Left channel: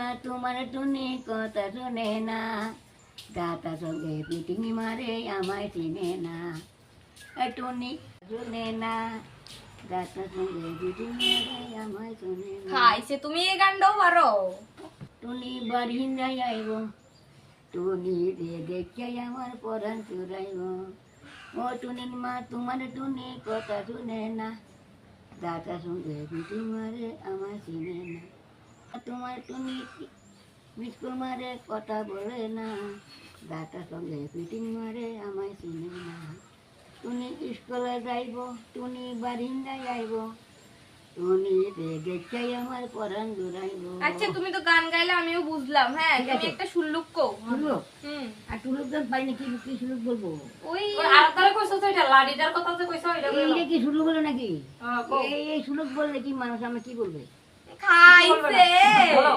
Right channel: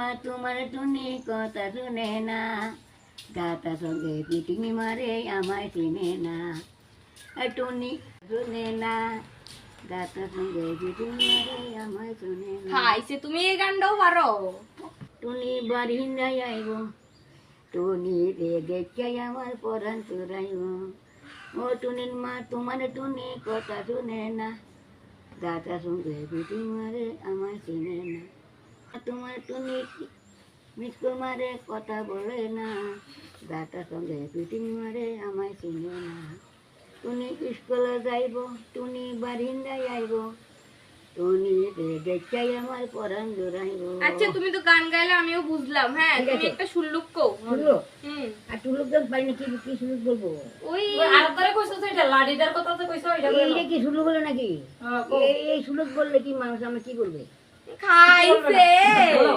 মা তোমার টুনি কথা শুনে না, দাতা সঙ্গে পিটিং মারে আমায় চিনে না। টুনি শুনে না, দাতা সঙ্গে পিটিং মারে আমায় শুনে না। খাইছে তুমি এই গানটাও পারো? টুনি বাড়ি নাই আইব, টুনি রে দেখে আমার পরাণ চুরাইব। ও টুনির মা তোমার টুনি কথা শুনে না, দাতা সঙ্গে পিটিং মারে আমায় চিনে না। তোমার টুনি মিসকল মারে কথা বলে না, দাতার সঙ্গে পিটিং মারে আমায় চিনে না। টুনি স্কুলে যাইব, টুনি বারিন্দায় আইব, টুনি দেখাই আমার পরাণ জোড়াইব। আচ্ছা তুমি তো গান গাইলে আমিও বুঝলাম। হ্যাঁ ঠিক তুমি আছে। একটা সুল্লুক কো। শুনলো? হুম আর টুলুক গান পাই না, কি কি সুলুক বলবো? ওই আর তোরে কইছো তো এটা লাডিদার কথা তো কইছো এটা বলো। এইটা কি সুলুক বলে নাকি? হ্যাঁ, কও। এই সুলুক বললে কি মানুষ আমি কি বলবে? খাইছে। বলো।